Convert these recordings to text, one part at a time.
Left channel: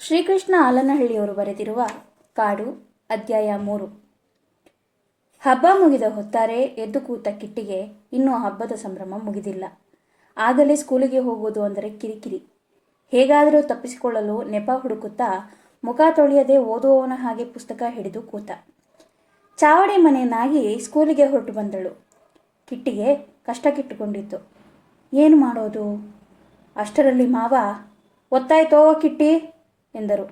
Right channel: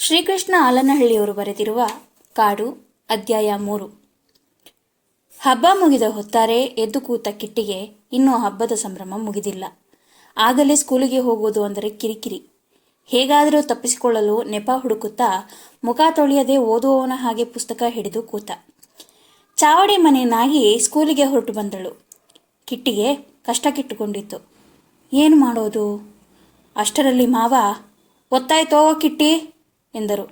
ಶ್ರೀಕೃಷ್ಣ ಆಲನಹಳ್ಳಿಯವರು ಬರೆದಿರುವ ಕಾಡು ಅಧ್ಯಾಯ 3. ಹಬ್ಬ ಮುಗಿದ ಹೊತ್ತಾರೆ ಎದ್ದು ಕೂತ ಕಿಟ್ಟಿಗೆ ಇನ್ನೂ ಹಬ್ಬದ ಸಂಭ್ರಮ ಮುಗಿದಿಲ್ಲ. ಆಗಲೇ ಸ್ಕೂಲಿಗೆ ಹೋಗುವುದು ಅಂದರೆ ಕಿರಿಕಿರಿ. ಹೇಗಾದರೂ ತಪ್ಪಿಸಿಕೊಳ್ಳಲು ನೆಪ ಹುಡುಕುತ್ತಾ ಮುಖ ತೊಳೆಯದೆ ಓದುವವನ ಹಾಗೆ ಪುಸ್ತಕ ಹಿಡಿದು ಕೂತ. ಚಾವಡಿ ಮನೆಯನ್ನಾಗಿ ಸ್ಕೂಲಿಗೆ ಹೊರಟು ಬಂದಳು. ಕಿಟ್ಟಿಗೆ ಕಷ್ಟಕ್ಕಿಟ್ಟುಕೊಂಡಿತ್ತು. ಏನು ಮಾಡೋದು? ಅಷ್ಟರಲ್ಲಿ ಮಾವ, "ಒತ್ತಾಯ್ತೋ ಕಿಟ್ಟಿ" ಎಂದರು.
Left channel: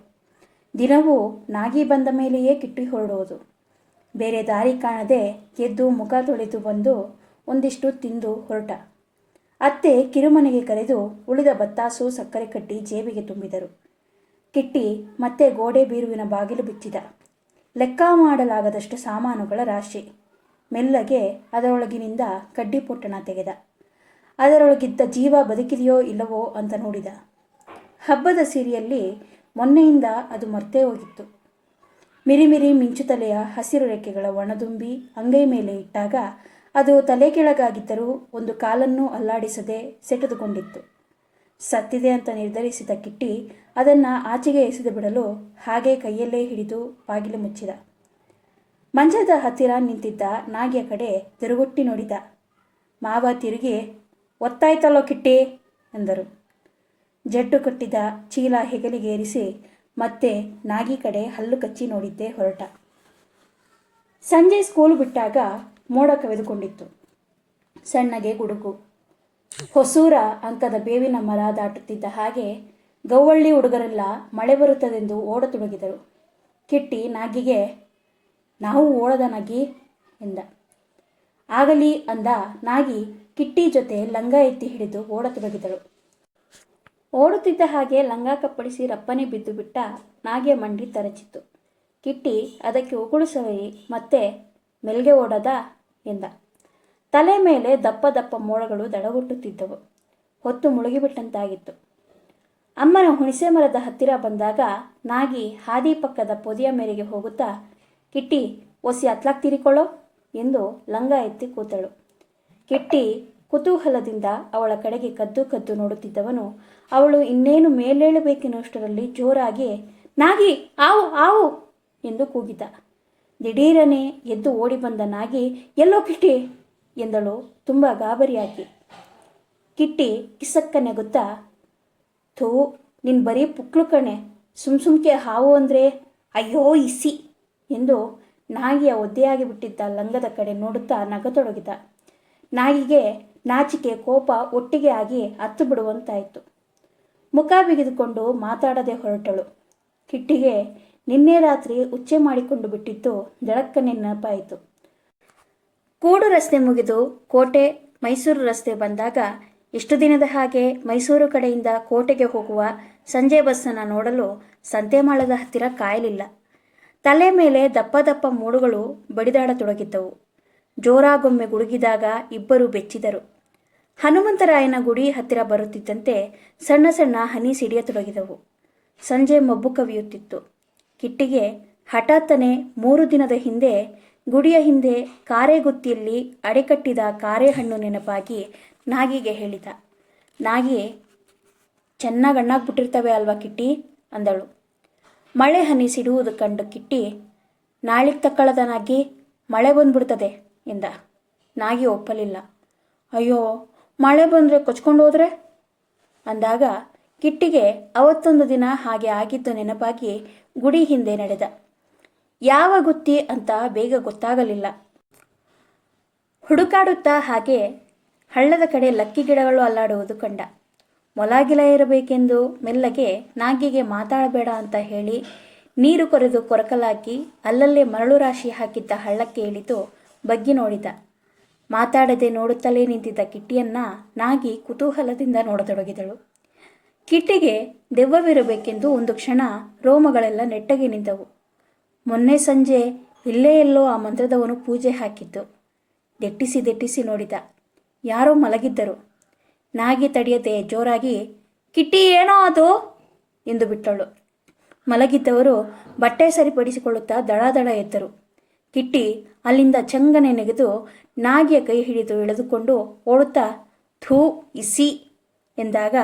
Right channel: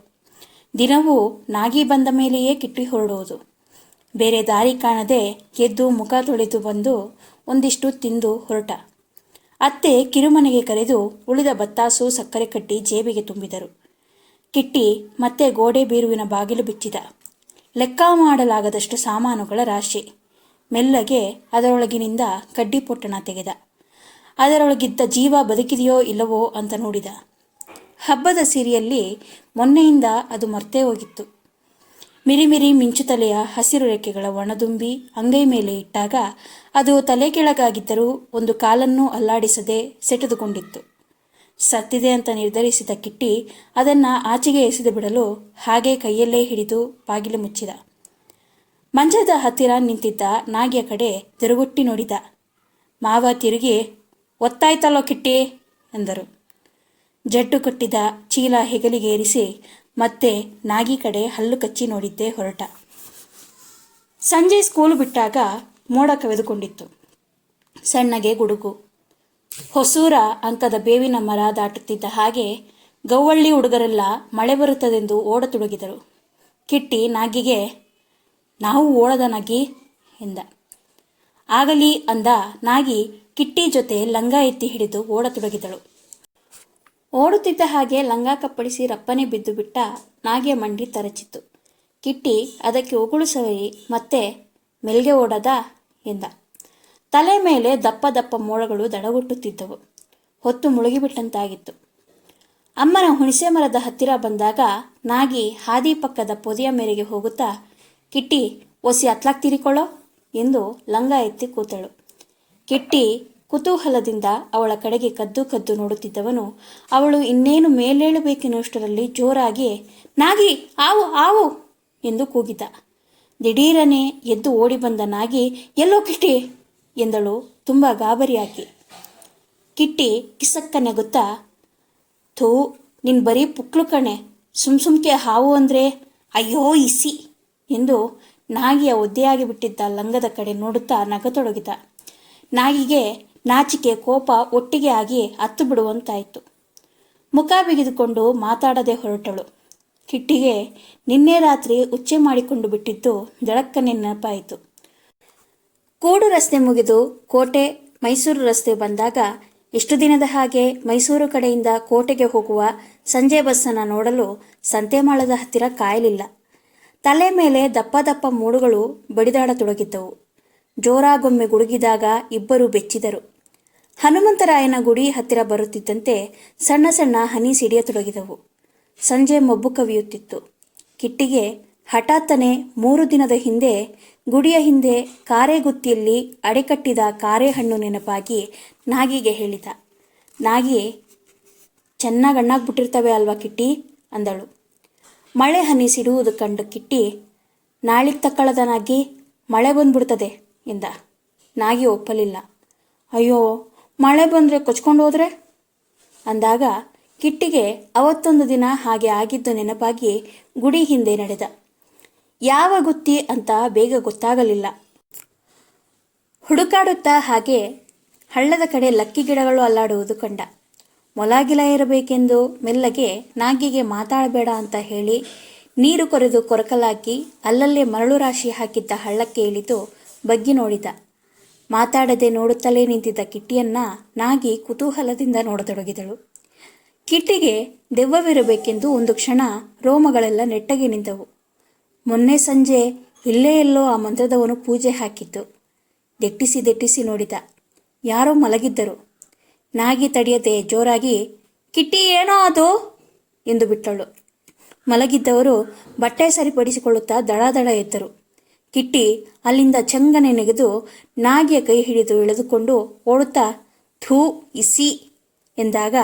ದಿನವೂ ನಾಗಿ ಬಂದ ಮೇಲೆಯೇ ಕಿಟ್ಟಿ ಹೊರಡುವುದು. ಬೇರೆ ದಾರಿ ಕಾಣದೆ ಎದ್ದು ಮುಖ ತೊಳೆದು ಬಂದು ಒಂದಿಷ್ಟು ತಿಂದು ಹೊರಟ. ಅತ್ತೆ ಕಿರುಮನೆಗೆ ಕರೆದು ಉಳಿದ ಬತ್ತಾಸು ಸಕ್ಕರೆ ಕಟ್ಟಿ ಜೇಬಿಗೆ ತುಂಬಿದರು. ಕಿಟ್ಟಿ ಮತ್ತೆ ಗೋಡೆ ಬೀರುವಿನ ಬಾಗಿಲು ಬಿಚ್ಚಿದ. ಲೆಕ್ಕ ಮಾಡಲಾಗದಷ್ಟು ಸಾಮಾನುಗಳ ರಾಶಿ. ಮೆಲ್ಲಗೆ ಅದರೊಳಗಿನಿಂದ ಕಡ್ಡಿ ಪೊಟ್ಟಣ ತೆಗೆದ. ಅದರೊಳಗಿದ್ದ ಜೀವ ಬದುಕಿದೆಯೋ ಇಲ್ಲವೋ ಅಂತ ನೋಡಿದ. ಹಬ್ಬದ ಸಿರಿಯಲ್ಲಿ ಮೊನ್ನೆಯಿಂದ ಅದು ಮರ್ತೇ ಹೋಗಿತ್ತು. ಮಿರಿಮಿರಿ ಮಿಂಚುತಲೆಯ ಹಸಿರು ರೆಕ್ಕೆಗಳ ಒಣದುಂಬಿ ಅಂಗೈ ಮೇಲೆ ಇಟ್ಟಾಗ ಅದು ತಲೆ ಕೆಳಗಾಗಿದ್ದರೂ ಒಂದು ಕಾಲನ್ನೂ ಅಲ್ಲಾಡಿಸದೆ ಸೆಟೆದುಕೊಂಡಿತ್ತು. ಸತ್ತಿದೆ ಅಂತ ನಿರ್ಧರಿಸಿದ ಕಿಟ್ಟಿ ಅದನ್ನು ಆಚೆಗೆ ಎಸೆದು ಬಿಡಲು ಹಾಗೆ ಕೈಯಲ್ಲೇ ಹಿಡಿದು ಬಾಗಿಲು ಮುಚ್ಚಿದ. ಮಂಚದ ಹತ್ತಿರ ನಿಂತಿದ್ದ ನಾಗಿಯ ಕಡೆ ತಿರುಗುಟ್ಟಿ ನೋಡಿದ. ಮಾವ ತಿರುಗಿ, "ಒತ್ತಾಯ್ತಲ್ಲೋ ಕಿಟ್ಟಿ" ಎಂದರು. ಜಡ್ಡು ಕಟ್ಟಿದ ಚೀಲ ಹೆಗಲಿಗೇರಿಸಿ ಮತ್ತೆ ನಾಗಿ ಕಡೆ ಹಲ್ಲು ಕಚ್ಚಿ ನೋಡಿದ್ದೇ ಹೊರಟ. ಸಂಜೆ ಸ್ಕೂಲು ಬಿಟ್ಟಾಗ ಮೋಡ ಕವಿದುಕೊಂಡಿತ್ತು. ಸಣ್ಣಗೆ ಗುಡುಗು. ಹೊಸೂರ ಅಂಕದ ಬೇವಿನ ಮರ ದಾಟುತ್ತಿದ್ದ ಹಾಗೆ ಗೌವಳ್ಳಿ ಹುಡುಗರೆಲ್ಲ ಮಳೆ ಬರುತ್ತದೆಂದು ಓಡತೊಡಗಿದರು. ಕಿಟ್ಟಿ ನಾಗಿಗೆ, "ನಾವು ಓಡದ ನಾಗಿ" ಎಂದ. ಆಗಲಿ ಅಂದ ನಾಗಿ ಕಿಟ್ಟಿ ಜೊತೆ ಲಂಗ ಎತ್ತಿ ಹಿಡಿದು ಓಡತೊಡಗಿದಳು. ಓಡುತ್ತಿದ್ದ ಹಾಗೆ ಲಂಗ ಕಪ್ಪಳಿಸಿ ರಪ್ಪನೆ ಬಿದ್ದು ಬಿಟ್ಟ ನಾಗಿಯ ಮಂಡಿ ತರಚಿತ್ತು. ಕಿಟ್ಟಿ ಅದಕ್ಕೆ ಉಗುಳು ಸವರಿ ಮತ್ತೆ, "ಮೆಲ್ಗೆ ಓಡದ" ಎಂದ. ತಲೆ ಮೇಲೆ ದಪ್ಪ ದಪ್ಪ ಮೋಡಗಳು ದಡಗುಟ್ಟುತ್ತಿದ್ದವು. ಹೊತ್ತು ಮುಳುಗಿಬಿಟ್ಟಂತಾಗಿತ್ತು. ಅಮ್ಮನ ಹುಣಸೆ ಮರದ ಹತ್ತಿರ ಬಂದಾಗ ನಾಗಿ ಹಾದಿ ಪಕ್ಕದ ಪೊದೆಯ ಮೇರೆಗೆ ಹೋಗುತ್ತಾ, "ಕಿಟ್ಟಿ, ಒಸಿ ಅತ್ಲಾಕ್ ತೀರಿಕೊಳ್ಳೋ" ಎಂದು ಲಂಗ ಎತ್ತಿ ಕೂತಳು. ಕಿಟ್ಟಿ ಕುತೂಹಲದಿಂದ ಅವಳ ಕಡೆಗೆ ಕದ್ದು ಕದ್ದು ನೋಡುತ್ತಿದ್ದವನು ಅವಳು ಇನ್ನೇನು ಮೇಲೇಳಬೇಕೆನ್ನುವಷ್ಟರಲ್ಲಿ ಜೋರಾಗಿ, "ನಾಗಿ, ಆವು ಆವು" ಎಂದು ಕೂಗಿದ. ದಿಢೀರನೆ ಎದ್ದು ಓಡಿ ಬಂದ ನಾಗಿ, "ಎಲ್ಲೋ ಕಿಟ್ಟಿ" ಎಂದಳು ತುಂಬ ಗಾಬರಿಯಾಗಿ. ಕಿಟ್ಟಿ ಕಿಸಕ್ಕ ನೆಗುತ್ತಾ, "ಥೂ, ನಿನ್ ಬರೀ ಪುಕ್ಲು ಕಣೆ, ಸುಮ್ಕೆ ಹಾವು ಅಂದರೆ ಅಯ್ಯೋ ಇಸಿ" ಎಂದು ನಾಗಿಯ ಒದ್ದೆಯಾಗಿ ಬಿಟ್ಟಿದ್ದ ಲಂಗದ ಕಡೆ ನೋಡುತ್ತಾ ನಗತೊಡಗಿದ. ನಾಗಿಗೆ ನಾಚಿಕೆ ಕೋಪ ಒಟ್ಟಿಗೆ ಆಗಿ ಹತ್ತು ಬಿಡುವಂತಾಯಿತು. ಮುಖ ಬಿಗಿದುಕೊಂಡು ಮಾತಾಡದೆ ಹೊರಟಳು. ಕಿಟ್ಟಿಗೆ ನಿನ್ನೆ ರಾತ್ರಿ ಉಚ್ಚೆ ಮಾಡಿಕೊಂಡು ಬಿಟ್ಟಿದ್ದು ದಡಕ್ಕನೆ ನೆನಪಾಯಿತು. ಕೂಡು ರಸ್ತೆ ಮುಗಿದು ಕೋಟೆ ಮೈಸೂರು ರಸ್ತೆ ಬಂದಾಗ ಇಷ್ಟು ದಿನದ ಹಾಗೆ ಮೈಸೂರು ಕಡೆಯಿಂದ ಕೋಟೆಗೆ ಹೋಗುವ ಸಂಜೆ ಬಸ್ಸನ್ನು ನೋಡಲು ಸಂತೆಮಾಳದ ಹತ್ತಿರ ಕಾಯಲಿಲ್ಲ. ತಲೆ ಮೇಲೆ ದಪ್ಪ ದಪ್ಪ ಮೂಡುಗಳು ಬಡಿದಾಡತೊಡಗಿದ್ದವು. ಜೋರಾಗೊಮ್ಮೆ ಗುಡುಗಿದಾಗ ಇಬ್ಬರು ಬೆಚ್ಚಿದರು. ಹನುಮಂತರಾಯನ ಗುಡಿ ಹತ್ತಿರ ಬರುತ್ತಿದ್ದಂತೆ ಸಣ್ಣ ಸಣ್ಣ ಹನಿ ಸಿಡಿಯತೊಡಗಿದವು. ಸಂಜೆ ಮಬ್ಬು ಕವಿಯುತ್ತಿತ್ತು. ಕಿಟ್ಟಿಗೆ ಹಠಾತ್ತನೆ 3 ದಿನದ ಹಿಂದೆ ಗುಡಿಯ ಹಿಂದೆ ಕಾರೆಗುತ್ತಿಯಲ್ಲಿ ಅಡೆಕಟ್ಟಿದ ಕಾರೆಹಣ್ಣು ನೆನಪಾಗಿ ನಾಗಿಗೆ ಹೇಳಿದ. ನಾಗಿ, "ಚೆನ್ನಾಗಿ ಹಣ್ಣಾಗ್ಬಿಟ್ಟಿರ್ತವೆ ಅಲ್ವಾ ಕಿಟ್ಟಿ" ಅಂದಳು. ಮಳೆ ಹನಿ ಸಿಡುವುದು ಕಂಡು ಕಿಟ್ಟಿ, "ನಾಳಿಗೆ ತಕ್ಕಳದ ನಾಗಿ, ಮಳೆ ಬಂದ್ಬಿಡ್ತದೆ" ಎಂದ. ನಾಗಿ ಒಪ್ಪಲಿಲ್ಲ. "ಅಯ್ಯೋ, ಮಳೆ ಬಂದರೆ ಕೊಚ್ಕೊಂಡು ಹೋದ್ರೆ" ಅಂದಾಗ ಕಿಟ್ಟಿಗೆ ಅವತ್ತೊಂದು ದಿನ ಹಾಗೆ ಆಗಿದ್ದು ನೆನಪಾಗಿ ಗುಡಿ ಹಿಂದೆ ನಡೆದ. ಯಾವ ಗುತ್ತಿ ಅಂತ ಬೇಗ ಗೊತ್ತಾಗಲಿಲ್ಲ. ಹುಡುಕಾಡುತ್ತಾ ಹಾಗೆ ಹಳ್ಳದ ಕಡೆ ಲಕ್ಕಿ ಗಿಡಗಳು ಅಲ್ಲಾಡುವುದು ಕಂಡ. ಮೊಲಗಿಲ ಇರಬೇಕೆಂದು ಮೆಲ್ಲಗೆ ನಾಗಿಗೆ ಮಾತಾಡಬೇಡ ಅಂತ ಹೇಳಿ ನೀರು ಕೊರೆದು ಕೊರಕಲಾಕಿ ಅಲ್ಲಲ್ಲೇ ಮರಳು ರಾಶಿ ಹಾಕಿದ್ದ ಹಳ್ಳಕ್ಕೆ ಇಳಿದು ಬಗ್ಗಿ ನೋಡಿದ. ಮಾತಾಡದೆ ನೋಡುತ್ತಲೇ ನಿಂತಿದ್ದ ಕಿಟ್ಟಿಯನ್ನ ನಾಗಿ ಕುತೂಹಲದಿಂದ ನೋಡತೊಡಗಿದಳು. ಕಿಟ್ಟಿಗೆ ದೆವ್ವವಿರಬೇಕೆಂದು ಒಂದು ಕ್ಷಣ ರೋಮಗಳೆಲ್ಲ ನೆಟ್ಟಗೆ ನಿಂತವು. ಮೊನ್ನೆ ಸಂಜೆ ಇಲ್ಲೇ ಎಲ್ಲೋ ಆ ಮಂತ್ರದವನು ಪೂಜೆ ಹಾಕಿದ್ದು. ದೆಟ್ಟಿಸಿ ನೋಡಿದ. ಯಾರೋ ಮಲಗಿದ್ದರು. ನಾಗಿ ತಡೆಯದೆ ಜೋರಾಗಿ, "ಕಿಟ್ಟಿ, ಏನೋ ಅದು" ಎಂದು ಬಿಟ್ಟಳು. ಮಲಗಿದ್ದವರು ಬಟ್ಟೆ ಸರಿಪಡಿಸಿಕೊಳ್ಳುತ್ತಾ ದಡ ಎದ್ದರು. ಕಿಟ್ಟಿ ಅಲ್ಲಿಂದ ಚಂಗನೆ ನೆಗೆದು ನಾಗಿಯ ಕೈ ಹಿಡಿದು ಎಳೆದುಕೊಂಡು ಓಡುತ್ತಾ, "ಥೂ ಇಸಿ" ಎಂದಾಗ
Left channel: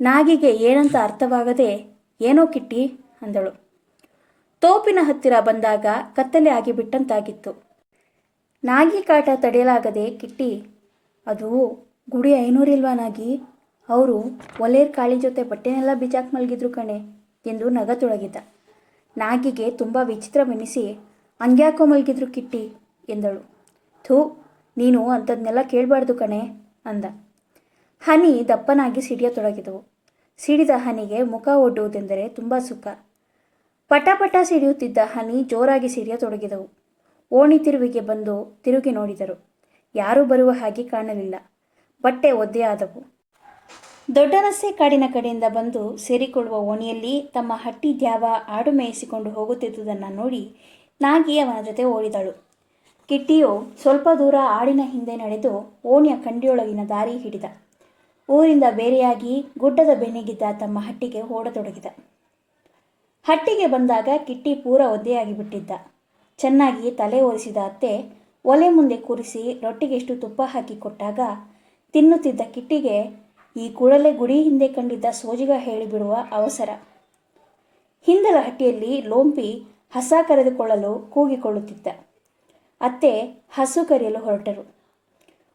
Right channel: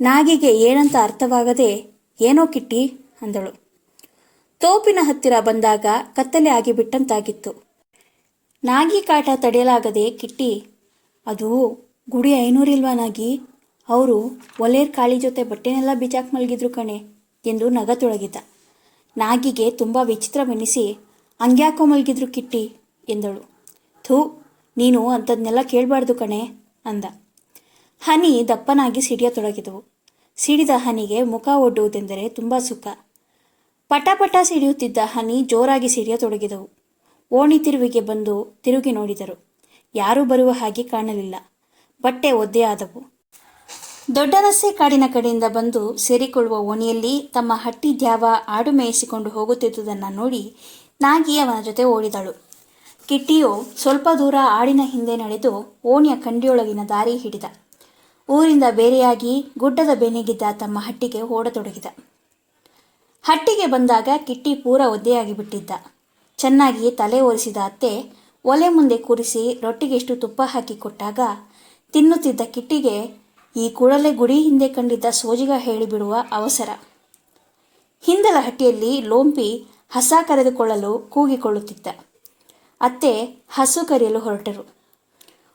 ನಾಗಿಗೆ ಏನಂತ ಅರ್ಥವಾಗದೆ, "ಏನೋ ಕಿಟ್ಟಿ" ಅಂದಳು. ತೋಪಿನ ಹತ್ತಿರ ಬಂದಾಗ ಕತ್ತಲೆ ಆಗಿಬಿಟ್ಟಂತಾಗಿತ್ತು. ನಾಗಿ ಕಾಟ ತಡೆಯಲಾಗದೆ ಕಿಟ್ಟಿ, ಅದು ಗುಡಿ ಐನೂರಿಲ್ವಾ ನಾಗಿ? ಅವರು ಒಲೇರ್ ಕಾಳಿ ಜೊತೆ ಬಟ್ಟೆನೆಲ್ಲ ಬಿಚಾಕ್ ಮಲಗಿದ್ರು ಕಣೆ ಎಂದು ನಗತೊಡಗಿದ. ನಾಗಿಗೆ ತುಂಬ ವಿಚಿತ್ರವೆನಿಸಿ, ಹಂಗ್ಯಾಕೋ ಮಲಗಿದ್ರು ಕಿಟ್ಟಿ ಎಂದಳು. ಥೂ, ನೀನು ಅಂಥದ್ನೆಲ್ಲ ಕೇಳಬಾರ್ದು ಕಣೆ ಅಂದ. ಹನಿ ದಪ್ಪನಾಗಿ ಸಿಡಿಯತೊಡಗಿದವು. ಸಿಡಿದ ಹನಿಗೆ ಮುಖ ಒಡ್ಡುವುದೆಂದರೆ ತುಂಬ ಸುಖ. ಪಟ ಸಿಡಿಯುತ್ತಿದ್ದ ಹನಿ ಜೋರಾಗಿ ಸಿಡಿಯತೊಡಗಿದವು. ಓಣಿ ತಿರುವಿಗೆ ಬಂದು ತಿರುಗಿ ನೋಡಿದರು. ಯಾರೂ ಬರುವ ಹಾಗೆ ಕಾಣಲಿಲ್ಲ. ಬಟ್ಟೆ ಒದ್ದೆಯಾದವು. ದೊಡ್ಡರಸ್ಸೆ ಕಾಡಿನ ಕಡೆಯಿಂದ ಬಂದು ಸೇರಿಕೊಳ್ಳುವ ಓಣಿಯಲ್ಲಿ ತಮ್ಮ ಹಟ್ಟಿ ದ್ಯಾವ ಆಡು ಮೇಯಿಸಿಕೊಂಡು ಹೋಗುತ್ತಿದ್ದುದನ್ನು ನೋಡಿ ನಾಗಿ ಅವನ ಜೊತೆ ಓಡಿದಳು. ಕಿಟ್ಟಿಯು ಸ್ವಲ್ಪ ದೂರ ಆಡಿನ ಹಿಂದೆ ನಡೆದು ಓಣಿಯ ಕಂಡಿಯೊಳಗಿನ ದಾರಿ ಹಿಡಿದ. ಊರಿಂದ ಬೇರೆಯಾಗಿ ಗುಡ್ಡದ ಬೆನ್ನಿಗಿದ್ದ ತಮ್ಮ ಹಟ್ಟಿಗೆ ಓಡತೊಡಗಿದ. ಹಟ್ಟಿಗೆ ಬಂದಾಗ ಕಿಟ್ಟಿ ಪೂರ ಒದ್ದೆಯಾಗಿ ಬಿಟ್ಟಿದ್ದ. ಚೆನ್ನಾಗಿ ತಲೆ ಒರೆಸಿದ ಅತ್ತೆ ಒಲೆ ಮುಂದೆ ಕೂರಿಸಿ ರೊಟ್ಟಿಗೆಷ್ಟು ತುಪ್ಪ ಹಾಕಿ ಕೊಟ್ಟಾಗ ತಿನ್ನುತ್ತಿದ್ದ ಕಿಟ್ಟಿಗೆ ಈ ಕೂಡಲೇ ಗುಡಿ ಹಿಂದೆ ಕಂಡಿದ್ದ ಸೋಜಿಗ ಹೇಳಿಬಿಡುವ ಅವಸರ. ಹಿಂದಲ ಹಟ್ಟಿಯಲ್ಲಿ ಲೋಂಪಿ ಹಸ ಕರೆದುಕೊಳ್ಳಲು ಕೂಗಿಕೊಳ್ಳುತ್ತಿದ್ದ. ಅತ್ತೆ ಹಸು ಕರೆಯಲು ಹೊರಟರು.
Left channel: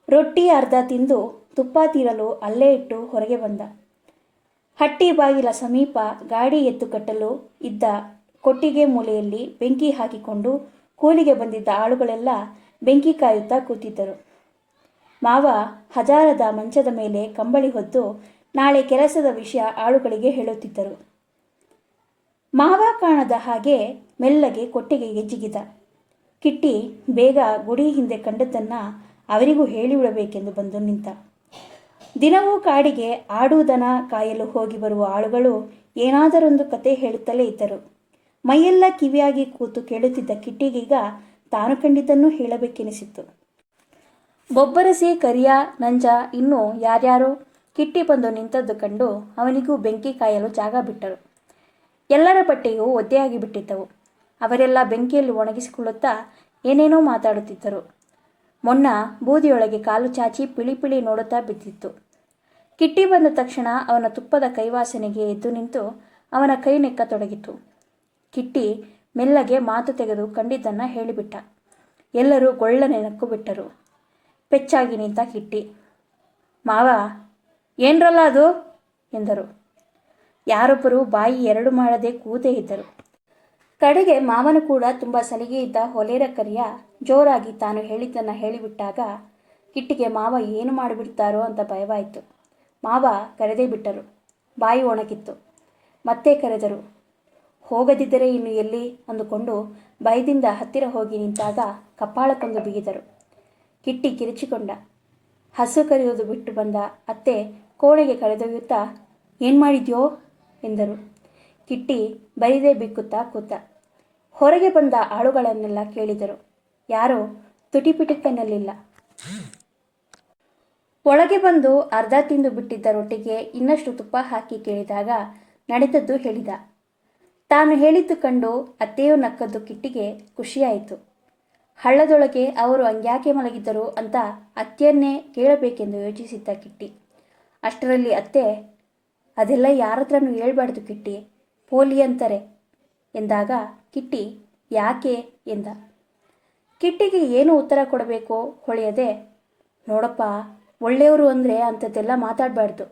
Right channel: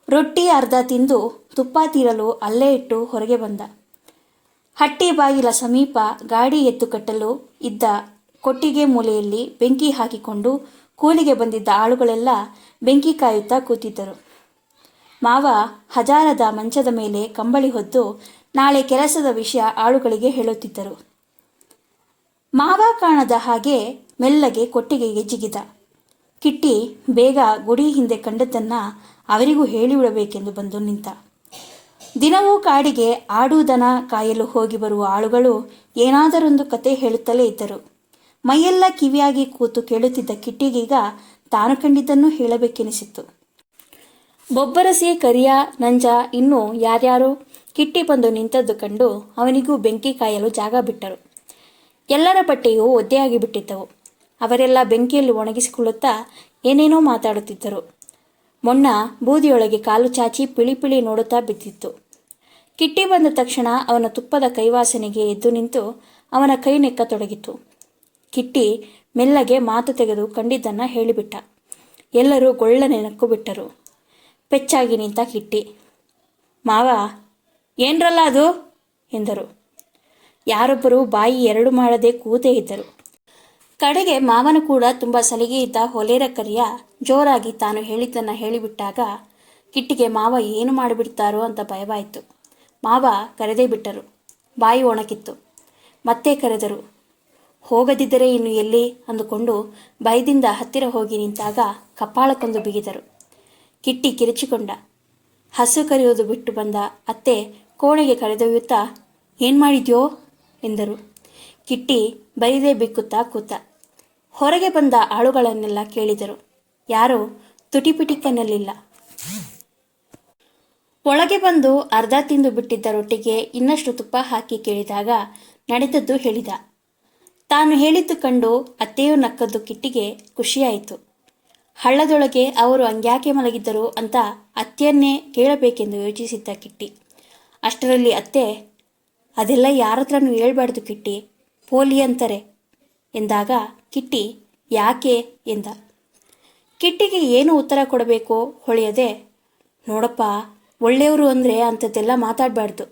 ರೊಟ್ಟಿ ಅರ್ಧ ತಿಂದು ತುಪ್ಪ ತೀರಲು ಅಲ್ಲೇ ಇಟ್ಟು ಹೊರಗೆ ಬಂದ. ಹಟ್ಟಿ ಬಾಗಿಲ ಸಮೀಪ ಗಾಡಿ ಎತ್ತು ಕಟ್ಟಲು ಇದ್ದ ಕೊಟ್ಟಿಗೆ ಮೂಲೆಯಲ್ಲಿ ಬೆಂಕಿ ಹಾಕಿಕೊಂಡು ಕೂಲಿಗೆ ಬಂದಿದ್ದ ಆಳುಗಳೆಲ್ಲ ಬೆಂಕಿ ಕಾಯುತ್ತಾ ಕೂತಿದ್ದರು. ಮಾವ ಹಜಾರದ ಮಂಚದ ಮೇಲೆ ಕಂಬಳಿ ಹೊದ್ದು ನಾಳೆ ಕೆಲಸದ ವಿಷಯ ಆಳುಗಳಿಗೆ ಹೇಳುತ್ತಿದ್ದರು. ಮಾವ ಕಾಣದ ಹಾಗೆ ಮೆಲ್ಲಗೆ ಕೊಟ್ಟಿಗೆಗೆ ಜಿಗಿದ. ಕಿಟ್ಟಿ ಬೇಗ ಗುಡಿ ಹಿಂದೆ ಕಂಡದ್ದನ್ನು ಅವರಿಗೂ ಹೇಳಿಬಿಡಬೇಕೆಂದು ಬಂದು ನಿಂತ. ದಿನವೂ ಕಾಡಿಗೆ ಆಡುವುದನ ಕಾಯಲು ಹೋಗಿ ಬರುವ ಆಳುಗಳು ಏನಾದರೊಂದು ಕತೆ ಹೇಳುತ್ತಲೇ ಇದ್ದರು. ಮೈಯೆಲ್ಲ ಕಿವಿಯಾಗಿ ಕೂತು ಕೇಳುತ್ತಿದ್ದ ಕಿಟ್ಟಿಗೀಗ ತಾನು ಕಂಡಿದ್ದನ್ನು ಹೇಳಬೇಕೆನಿಸಿತ್ತು. ಬೊಬ್ಬರಸಿ, ಕರಿಯ, ನಂಜ ಇನ್ನೂ ಯಾರ್ಯಾರೋ ಕಿಟ್ಟಿ ಬಂದು ನಿಂತದ್ದು ಕಂಡು ಅವನಿಗೂ ಬೆಂಕಿ ಕಾಯಲು ಜಾಗ ಬಿಟ್ಟರು. ಎಲ್ಲರ ಬಟ್ಟೆಯೂ ಒದ್ದೆಯಾಗಿ ಬಿಟ್ಟಿದ್ದವು. ಅವರೆಲ್ಲ ಬೆಂಕಿಯಲ್ಲಿ ಒಣಗಿಸಿಕೊಳ್ಳುತ್ತಾ ಏನೇನೋ ಮಾತಾಡುತ್ತಿದ್ದರು. ಮೊನ್ನ ಬೂದಿಯೊಳಗೆ ಕಾಲು ಚಾಚಿ ಪಿಳಿ ನೋಡುತ್ತಾ ಬಿದ್ದಿತ್ತು. ಕಿಟ್ಟಿ ಬಂದ ತಕ್ಷಣ ಅವನ ತುಪ್ಪದ ಕೈವಾಸನೆಗೆ ಎದ್ದು ನಿಂತು ಅವನ ಕೈ ನೆಕ್ಕತೊಡಗಿತು. ಕಿಟ್ಟಿ ಮೆಲ್ಲಗೆ ಮಾತು ತೆಗೆದು ಕಂಡಿದ್ದನ್ನು ಹೇಳಿಬಿಟ್ಟ. ಎಲ್ಲರೂ ಗೊಳ್ಳನೆ ನಕ್ಕು ಬಿಟ್ಟರು. ಪೆಚ್ಚಾಗಿ ನಿಂತ ಕಿಟ್ಟಿ, ಮಾವ ಏನ್ರಲ್ಲ ಅದು ಎಂದರು. ಯಾರೊಬ್ಬರು ಬಾಯಿ ಎರಡು ಮಾಡದೆ ಕೂತೇ ಇದ್ದರು. ಕಡೆಗೆ ಮಾವನ ಕೂಡ ತುಂಬ ಸಲಿಗೆ ಇದ್ದ ಹೊಲೇರ ಕರಿಯ ಜೋರಾಗಿ ತಾನು ಹೇಳಿದ್ದನ್ನು ಹೇಳಿಬಿಟ್ಟಾಗ ಕಿಟ್ಟಿಗೆ ಮಾವ ಏನು ಮಾಡಿಬಿಡ್ತಾರೋ ಅಂತ ಭಯವಾಯಿತು. ಮಾವ ಕರೆದೇ ಬಿಟ್ಟರು. ಬಾಯಿ ಒಣಗಿತ್ತು. ಮತ್ತೆ ಕರೆದರು. ಹೋಗದಿದ್ದರೆ ಇನ್ನು ಎಲ್ಲಿ ಅಂದುಕೊಂಡು ಭಯದಿಂದ ಹತ್ತಿರ ಹೋಗಿ ನಿಂತಾಗ ಕಪಾಳಕ್ಕೊಂದು ಬಿಗಿದರು. ಕಿಟ್ಟಿ ಕಿರಿಚಿಕೊಂಡ. ಹಸು ಕರೆಯುವುದು ಬಿಟ್ಟು ಬಂದ ಅತ್ತೆ ಕೋಣೆಗೆ ಕರೆದೊಯ್ಯುತ್ತಾ ಏನು ಮಾಡಿದ್ಯೋ ಎಂದರು. ಕಿಟ್ಟಿ ಬೈದೇ ಬಿಕ್ಕುತ್ತಾ ಕೂತ. ಹೊರಗೆ ಬಂದ ಆಳುಗಳನ್ನೆಲ್ಲ ಕೇಳಿದರು. ಯಾರೋ ತುಟಿಪಿಟಿಕನ್ನಲಿಲ್ಲ. ಒಳಗೆ ಬಂದು ಅರ್ಧ ತಿಂದು ಬಿಟ್ಟಿದ್ದ ರೊಟ್ಟಿಗೆ ಇನ್ನಷ್ಟು ತುಪ್ಪ ಹಾಕಿ ಕೇಳಿದಾಗ ನಡೆದದ್ದು ಹೇಳಿದ. ತಾನು ಹೇಳಿದ್ದು ಕಂಡು ಅತ್ತೆಯೂ ನಕ್ಕದ್ದು ಕಿಟ್ಟಿಗೆ ಖುಷಿಯಾಯಿತು. ಹಳ್ಳದೊಳಗೆ ಅವರು ಹಂಗ್ಯಾಕೆ ಮಲಗಿದ್ದರು ಅಂತ ಅತ್ತೆಯನ್ನೇ ಕೇಳಬೇಕೆಂದು ಯೋಚಿಸಿದ್ದ ಕಿಟ್ಟಿ. ಅಷ್ಟರಲ್ಲಿ ಅತ್ತೆ, ಅದೆಲ್ಲ ಯಾರತ್ರನೂ ಹೇಳ್ಬಾರ್ದು ಕಿಟ್ಟಿ, ಪೋಲಿ ಅಂತಾರೆ ಎಂದಾಗ ಕಿಟ್ಟಿ ಯಾಕೆ ಎಂದ. ಕಿಟ್ಟಿಗೆ ಏನು ಉತ್ತರ ಕೊಡಬೇಕೋ ಹೊಳೆಯದೆ, ನೋಡಪ್ಪ ಒಳ್ಳೆಯವರು ಅಂದರೆ ಅಂಥದ್ದೆಲ್ಲ ಮಾತಾಡಬಾರ್ದು,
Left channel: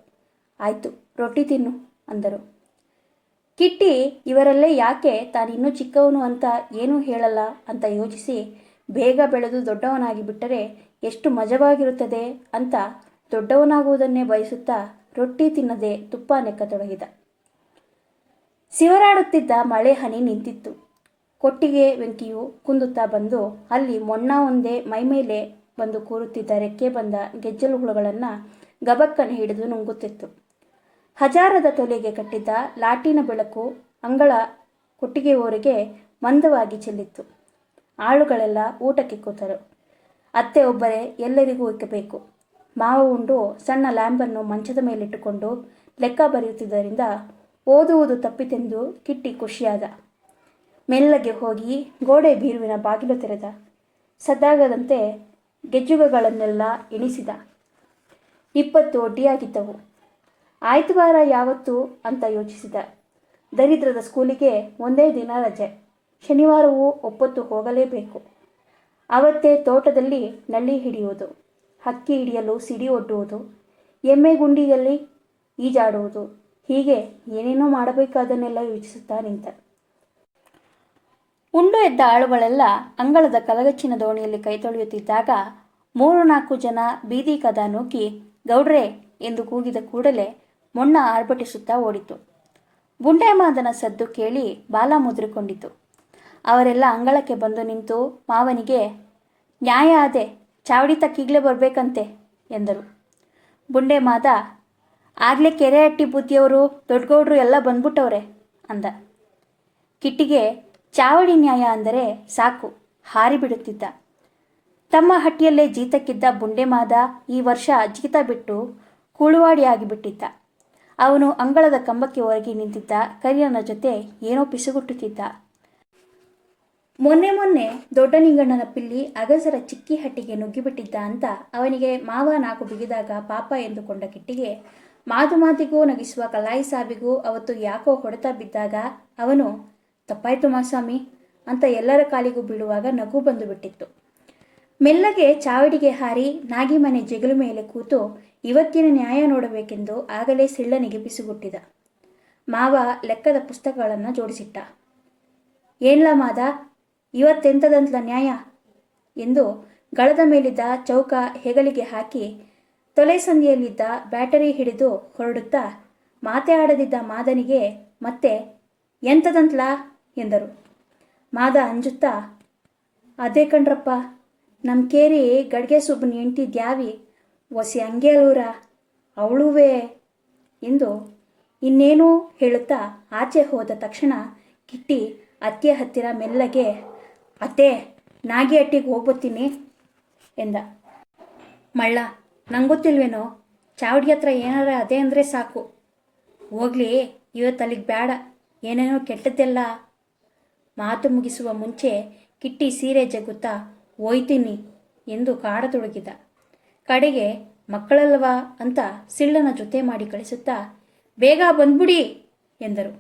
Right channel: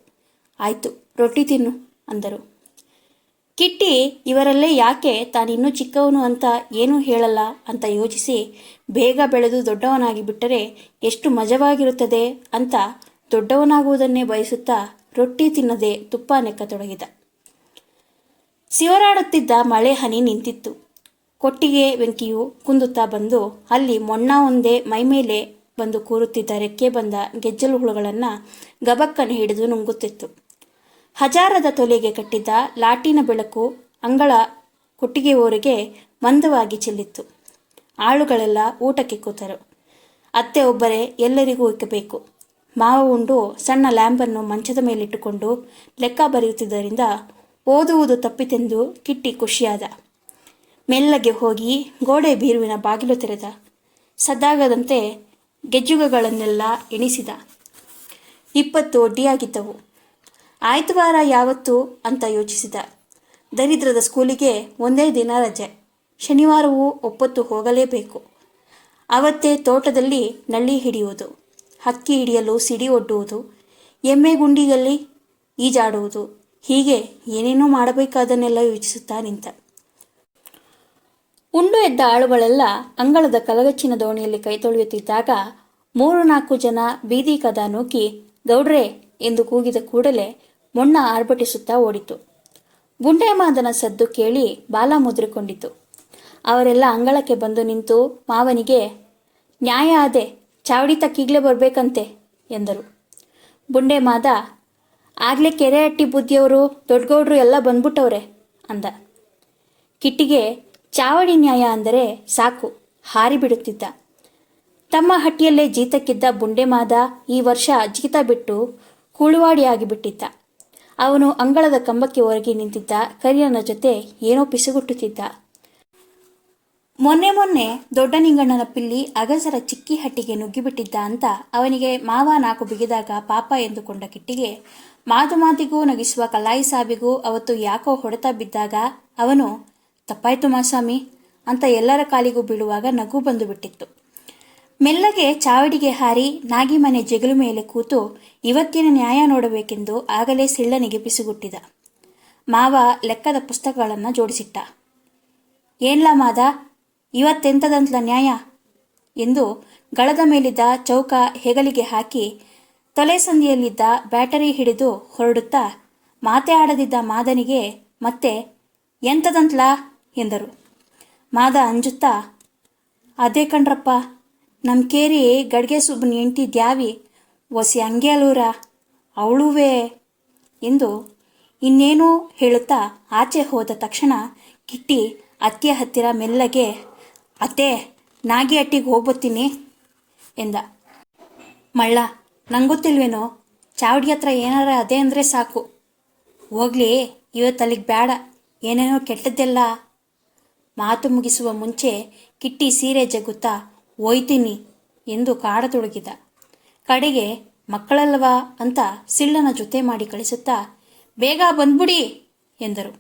ಆಯಿತು ರೊಟ್ಟಿ ತಿನ್ನು ಅಂದರು. ಕಿಟ್ಟಿ ಇವರಲ್ಲೇ ಯಾಕೆ ತಾನಿನ್ನೂ ಚಿಕ್ಕವನು ಅಂತ ಏನೂ ಹೇಳಲ್ಲ ಅಂತ ಯೋಚಿಸಿ ಬೇಗ ಬೆಳೆದು ದೊಡ್ಡವನಾಗಿ ಬಿಟ್ಟರೆ ಎಷ್ಟು ಮಜವಾಗಿರುತ್ತದೆ ಅಂತ ದೊಡ್ಡವನಾಗುವುದನ್ನೇ ಬಯಸುತ್ತಾ ರೊಟ್ಟಿ ತಿನ್ನದೆ ತುಪ್ಪ ನೆಕ್ಕತೊಡಗಿದ. ಸಿವರಾಡುತ್ತಿದ್ದ ಮಳೆ ಹನಿ ನಿಂತಿತ್ತು. ಕೊಟ್ಟಿಗೆ ಬೆಂಕಿಯು ಕುಂದುತ್ತಾ ಬಂದು ಅಲ್ಲಿ ಮೊಣ್ಣ ಒಂದೇ ಮೈಮೇಲೆ ಬಂದು ಕೂರುತ್ತಿದ್ದ ರೆಕ್ಕೆ ಬಂದ ಗೆಜ್ಜಲು ಹುಳುಗಳನ್ನು ಗಬಕ್ಕನೆ ಹಿಡಿದು ನುಂಗುತ್ತಿತ್ತು. ಹಜಾರದ ತೊಲೆಗೆ ಕಟ್ಟಿದ್ದ ಲಾಟಿನ ಬೆಳಕು ಅಂಗಳ ಕೊಟ್ಟಿಗೆ ಊರಿಗೆ ಮಂದವಾಗಿ ಚೆಲ್ಲಿತ್ತು. ಆಳುಗಳೆಲ್ಲ ಊಟಕ್ಕೆ ಕೂತರು. ಅತ್ತೆ ಒಬ್ಬರೇ ಎಲ್ಲರಿಗೂ ಇಕ್ಕಬೇಕು. ಮಾವ ಉಂಡು ಸಣ್ಣ ಲ್ಯಾಂಪನ್ನು ಮಂಚದ ಮೇಲಿಟ್ಟುಕೊಂಡು ಲೆಕ್ಕ ಬರೆಯುತ್ತಿದ್ದರಿಂದ ಓದುವುದು ತಪ್ಪಿತೆಂದು ಕಿಟ್ಟಿ ಖುಷಿಯಾದ. ಮೆಲ್ಲಗೆ ಹೋಗಿ ಗೋಡೆ ಬೀರುವಿನ ಬಾಗಿಲು ತೆರೆದ. ಸದ್ದಾಗದಂತೆ ಗೆಜ್ಜುಗಗಳನ್ನೆಲ್ಲ ಎಣಿಸಿದ. 20 ಒಡ್ಡಿಯಾಗಿದ್ದವು. ಆಯ್ತವಾರ ಯಾವತ್ತು ಅಂತ ಯೋಚಿಸಿದ. ದರಿದ್ರದ ಸ್ಕೂಲಿಗೆ ಒಂದೇ ದಿನ ರಜೆ. ಶನಿವಾರವೂ ಒಪ್ಪತ್ತು ಹೋಗಲೇಬೇಕು. ಅವತ್ತೇ ತೋಟದಲ್ಲಿ ನಳ್ಳಿ ಹಿಡಿಯುವುದು, ಹಕ್ಕಿ ಹಿಡಿಯಲು ಸಿಡಿ ಒಡ್ಡುವುದು, ಎಮ್ಮೆ ಗುಂಡಿಯಲ್ಲಿ ಈಜಾಡುವುದು, ಹೀಗೆ ಏನೇನೋ ಮಾಡಬೇಕಾದನ್ನೆಲ್ಲ ಯೋಚಿಸುತ್ತಾ ನಿಂತ. ಉಂಡು ಎದ್ದ ಆಳುಗಳೆಲ್ಲ ಅಂಗಳದ ಕಲಗಚ್ಚಿನ ದೋಣಿಯಲ್ಲಿ ಕೈ ತೊಳೆಯುತ್ತಿದ್ದಾಗ 3-4 ಜನ ಬೀದಿ ಕದ ನೂಕಿ ಗೌಡ್ರೆ ಎಂದು ಕೂಗಿದ ಕೂಡಲೇ ಮೊಣ್ಣ ಆರ್ಭಟಿಸುತ್ತಾ ಓಡಿತು. ಬುಂಡೇಮಾದನ ಸದ್ದು ಕೇಳಿ ಬಾಲ ಮುದ್ರಿಕೊಂಡಿತು. ಅವರೆಲ್ಲ ಅಂಗಳಕ್ಕೆ ಬಂದು ನಿಂತು ಮಾವನಿಗೆ ನ್ಯಾಯ ಆದೆ, ಚಾವಡಿ ತಕ್ಕೀಗ್ಲೇ ಬರಬೇಕಂತೆ ಎಂದರು. ಬುಂಡೇಮಾದ ಆಗ್ಲೇ ಕೆರೆ ಅಟ್ಟಿ ಬುದ್ಧಿಯವರು ದೊಡ್ಡಗೌಡ್ರು ಎಲ್ಲ ಬಂದ್ಬಿಟ್ಟವ್ರೆ ಅಂದ. ಕಿಟ್ಟಿಗೆ ಚಾವಡಿ ನ್ಯಾಯ ಅಂದರೆ ಸಾಕು ಹಾರಿಬಿಡುತ್ತಿದ್ದ. ತಮ್ಮ ಹಟ್ಟಿಯಲ್ಲೇ ಜೀತಕ್ಕಿದ್ದ ಬುಂಡೇಮಾದ ಈ ವರ್ಷ ಜೀತ ಬಿಟ್ಟು ಕೂಳುವಾಡಿಯಾಗಿಬಿಟ್ಟಿದ್ದ. ಅವನು ಅಂಗಳದ ಕಂಬಕ್ಕೆ ಒರಗಿ ನಿಂತಿದ್ದ ಕರಿಯನ ಜೊತೆ ಏನೋ ಪಿಸುಗುಟ್ಟುತ್ತಿದ್ದ. ಮೊನ್ನೆ ದೊಡ್ಡ ನಿಂಗಣ್ಣನ ಪಿಲ್ಲಿ ಅಗಸರ ಚಿಕ್ಕಿ ಹಟ್ಟಿಗೆ ನುಗ್ಗಿಬಿಟ್ಟಿದ್ದ ಅಂತ ಅವನಿಗೆ ಮಾವ 4 ಬಿಗಿದಾಗ ಪಾಪ ಎಂದುಕೊಂಡ ಕಿಟ್ಟಿಗೆ ಮಾತಿಗೂ ನಗಿಸುವ ಕಲ್ಲಾಯಿ ಸಾಬಿಗೂ ಅವತ್ತು ಯಾಕೋ ಹೊಡೆತ ಬಿದ್ದಾಗ ಅವನು ತಪ್ಪಾಯ್ತು ಮಾಸ್ವಾಮಿ ಅಂತ ಎಲ್ಲರ ಕಾಲಿಗೂ ಬೀಳುವಾಗ ನಗು ಬಂದು ಬಿಟ್ಟಿತ್ತು. ಮೆಲ್ಲಗೆ ಚಾವಡಿಗೆ ಹಾರಿ ನಾಗಿ ಮನೆ ಜಗಲು ಮೇಲೆ ಕೂತು ಇವತ್ತಿನ ನ್ಯಾಯ ನೋಡಬೇಕೆಂದು ಆಗಲೇ ಸಿಳ್ಳನಿಗೆ ಪಿಸುಗುಟ್ಟಿದ. ಮಾವ ಲೆಕ್ಕದ ಪುಸ್ತಕಗಳನ್ನು ಜೋಡಿಸಿಟ್ಟ. ಏನ್ಲ ಮಾದ, ಇವತ್ತೆಂಥದಂತಲ ನ್ಯಾಯ ಎಂದು ಗಳದ ಮೇಲಿದ್ದ ಚೌಕ ಹೆಗಲಿಗೆ ಹಾಕಿ ತೊಲೆ ಸಂದಿಯಲ್ಲಿದ್ದ ಬ್ಯಾಟರಿ ಹಿಡಿದು ಹೊರಡುತ್ತಾ ಮಾತೆ ಆಡದಿದ್ದ ಮಾದನಿಗೆ ಮತ್ತೆ ಎಂಥದಂತಲ ಎಂದರು. ಮಾದ ಅಂಜುತ್ತಾ ಅದೇ ಕಣ್ರಪ್ಪ, ನಮ್ಮ ಕೇರಿ ಗಡ್ಗೆ ಸುಬ್ಬನ ಹೆಂಡ್ತಿ ದ್ಯಾವಿ ಒಸಿ ಹಂಗೆ ಅಲೂರ ಅವಳುವೇ ಎಂದು ಇನ್ನೇನೂ ಹೇಳುತ್ತಾ ಆಚೆ ಹೋದ ತಕ್ಷಣ ಕಿಟ್ಟಿ ಅತ್ತೆಯ ಹತ್ತಿರ ಮೆಲ್ಲಗೆ ಅತ್ತೆ ನಾಗಿ ಅಟ್ಟಿಗೆ ಹೋಗ್ಬತ್ತೀನಿ ಎಂದ. ಮಳ್ಳ ನಂಗೊತ್ತಿಲ್ವೇನೋ, ಚಾವಡಿ ಹತ್ರ ಏನಾರ ಅದೇ ಅಂದರೆ ಸಾಕು. ಹೋಗ್ಲಿ ಇವತ್ತು ಅಲ್ಲಿಗೆ ಬೇಡ, ಏನೇನೋ ಕೆಟ್ಟದ್ದೆಲ್ಲ. ಮಾತು ಮುಗಿಸುವ ಮುಂಚೆ ಕಿಟ್ಟಿ ಸೀರೆ ಜಗ್ಗುತ್ತಾ ಹೋಯ್ತೀನಿ ಎಂದು ಕಾಡತೊಡಗಿದ. ಕಡೆಗೆ ಮಕ್ಕಳಲ್ವಾ ಅಂತ ಸಿಳ್ಳನ ಜೊತೆ ಮಾಡಿ ಕಳಿಸುತ್ತಾ ಬೇಗ ಬಂದ್ಬಿಡಿ ಎಂದರು.